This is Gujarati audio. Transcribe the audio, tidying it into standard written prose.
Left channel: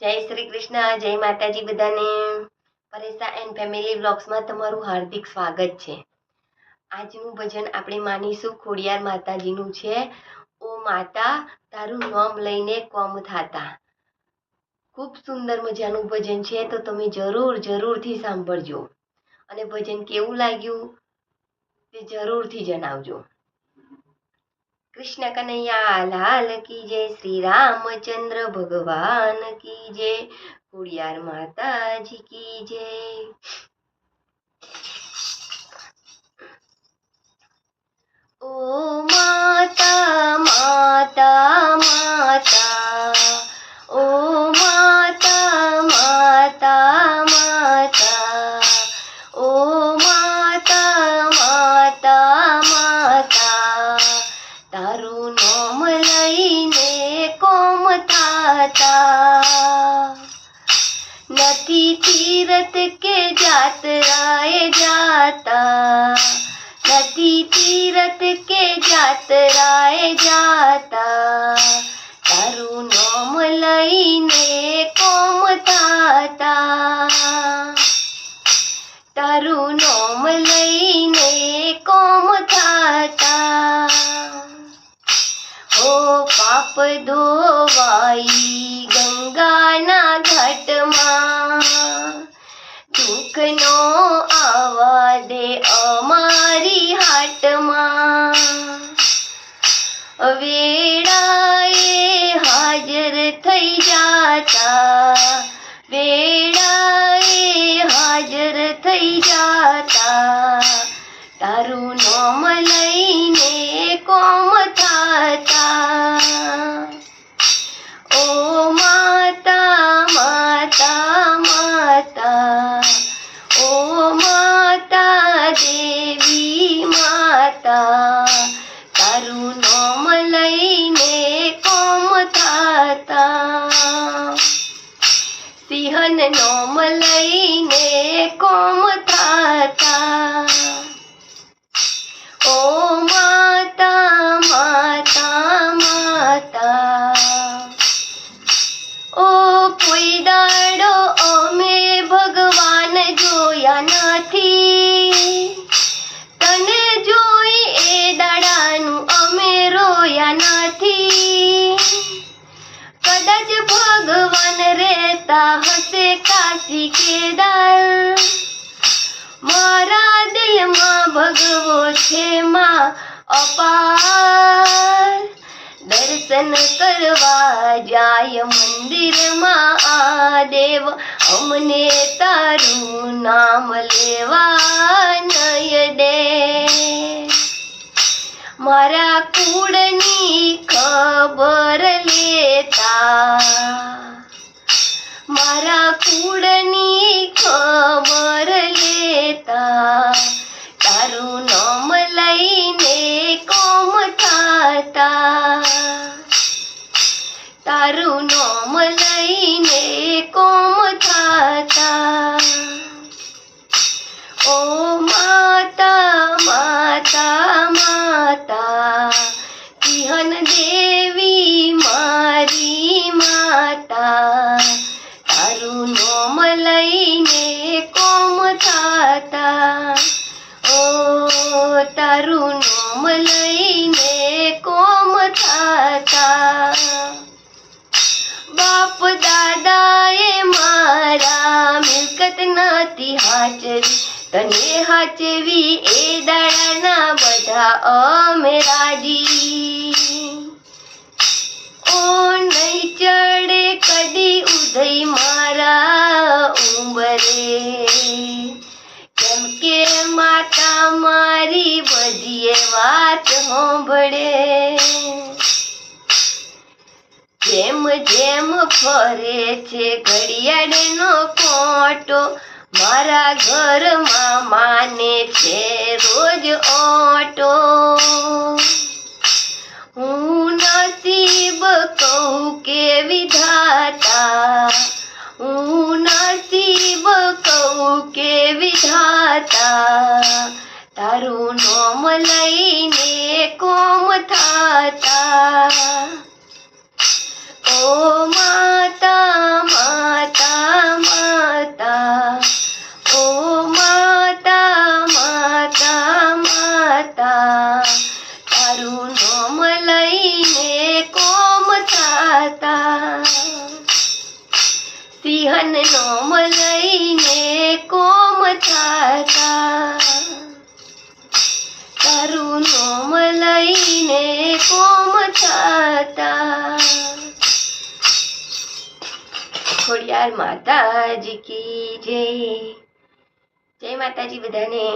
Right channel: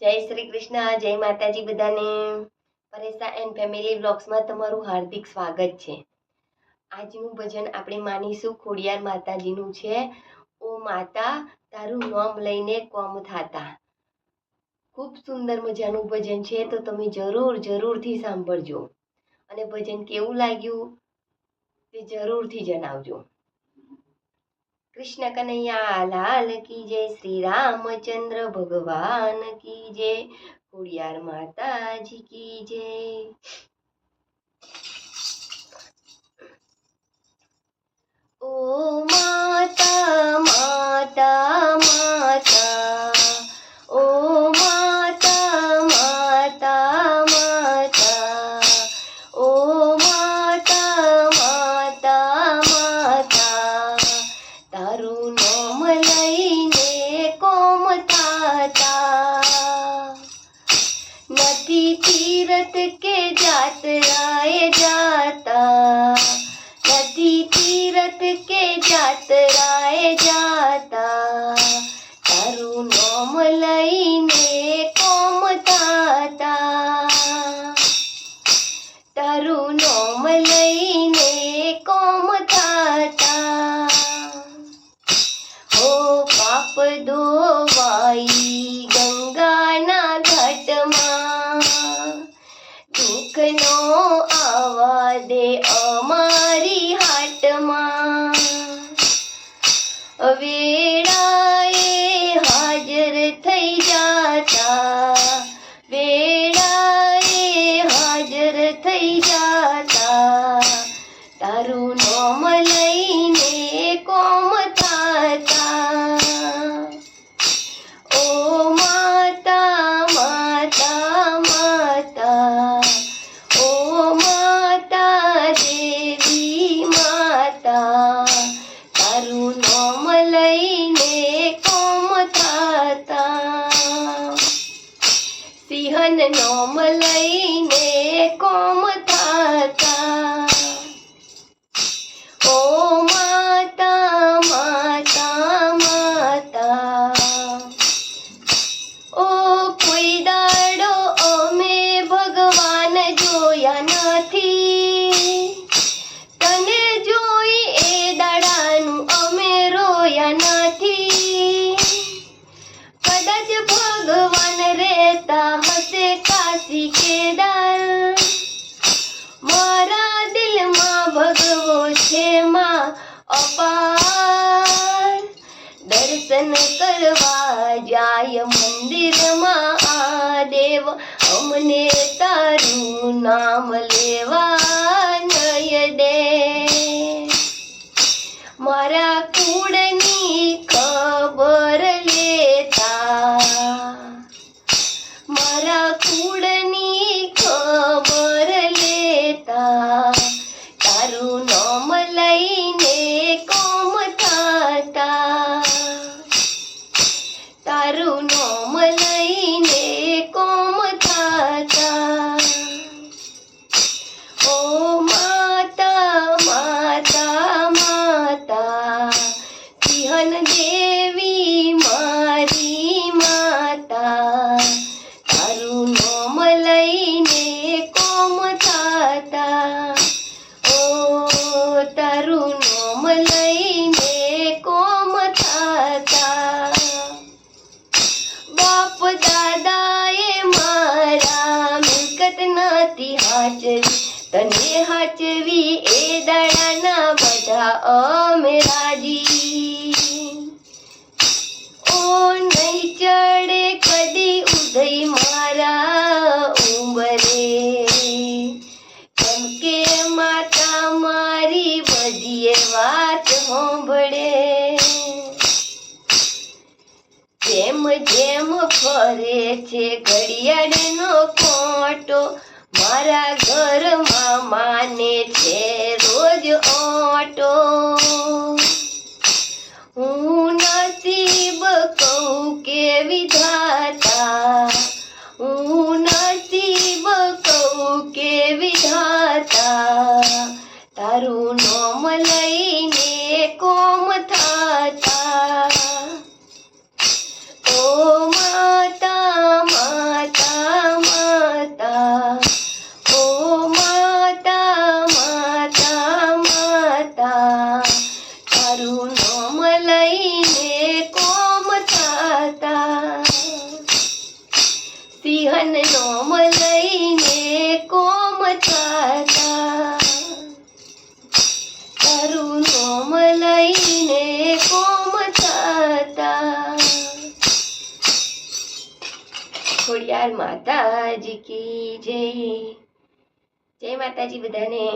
જય શ્રી કૃષ્ણ, જય માતાજી બધાને. પરેશા એન્ડ ફેમિલી વ્લોગ્સમાં તમારું હાર્દિક સ્વાગત છે. આજનું ભજન આપણે માનીશું ખોડિયાર માતાજીનું છે. ઓ માતા તારું નામ લઈને કોમ થાતા. ખૂબ સુંદર મજાનું ભજન છે, તો તમે જરૂરથી સાંભળજો અને ભજન કેવું લાગ્યું તે જરૂરથી જણાવજો. कृष्ण कन्हैया लाल की जय, श्री रामचंद्र भगवान की जय, खोडियार माता जी की जय. ओ माता माता माता, ओ माता माता माता, ओ माता माता माता, તારું નામ લઈને કોમ થાતા. નથી તીરથ કે જાતરાએ જાતા, નથી તીરથ કે જાતરાએ જાતા, તારું નામ લઈને કોમ થાતા. તારું નામ લઈને કોમ થાતા. हो पाप धोवाई गंगाना घाटમાં, દુઃખનો આવા દે અમારી હાટમાં. વેળાએ હાજર થઈ જાતા, વેળાએ હાજર થઈ જાતા, તારું નામ લઈને કોમ થાતા. ઓ માતા માતા માતા, ઓ માતા દેવી માતા, તારું નામ લઈને કોમ થાતા. સિંહન નામ લઈને કોમ થાતા. ઓ માતા માતા માતા, ઓ કોઈ દાડો અમે ભગવાન જોયા નથી, તને જોઈ એ દાડાનું અમે રોયા નથી. કદાચ ભગવાન રહેતા હશે કાશી કેદાર, મારા દિલમાં ભગવો છે માં અપાર. દર્શન કરવા જાય મંદિરમાં આ દેવ, અમને તારું નામ લેવા નય દે. મારા કુળની ખબર લેતા, મારા કુળની ખબર લેતા, તારું નામ લઈને કોમ થાતા. તારું નામ લઈને કોમ થાતા. ઓ માતા માતા માતા, સિંહન દેવી મારી માતા, તારું નામ લઈને કોમ થાતા. ઓ તારું નામ લઈને કોમ થાતા. બાપ દાદાએ મારા મિલકત નથી હાચવી, તને હાચવી એ દાડાના બધા અમે રાજી. ઓ નહીં ચડે કદી ઉદય મારા ઉંબરે, કેમ કે માતા મારી બધીએ વાત સાંભળે. જેમ જેમ ફરે છે ઘડિયાળનો કોટો, મારા ઘરમાં માને છે રોજ ઓટો. હું નસીબ કહું કે વિધાતા, હું નસીબ કહું કે વિધાતા, તારું નામ લઈને કોમ થાતા. ઓ માતા ખાતા, તારું નોમ લઈને કોમ થતા. ખોડિયાર માતાજી કી જય. જય માતાજી બધાને.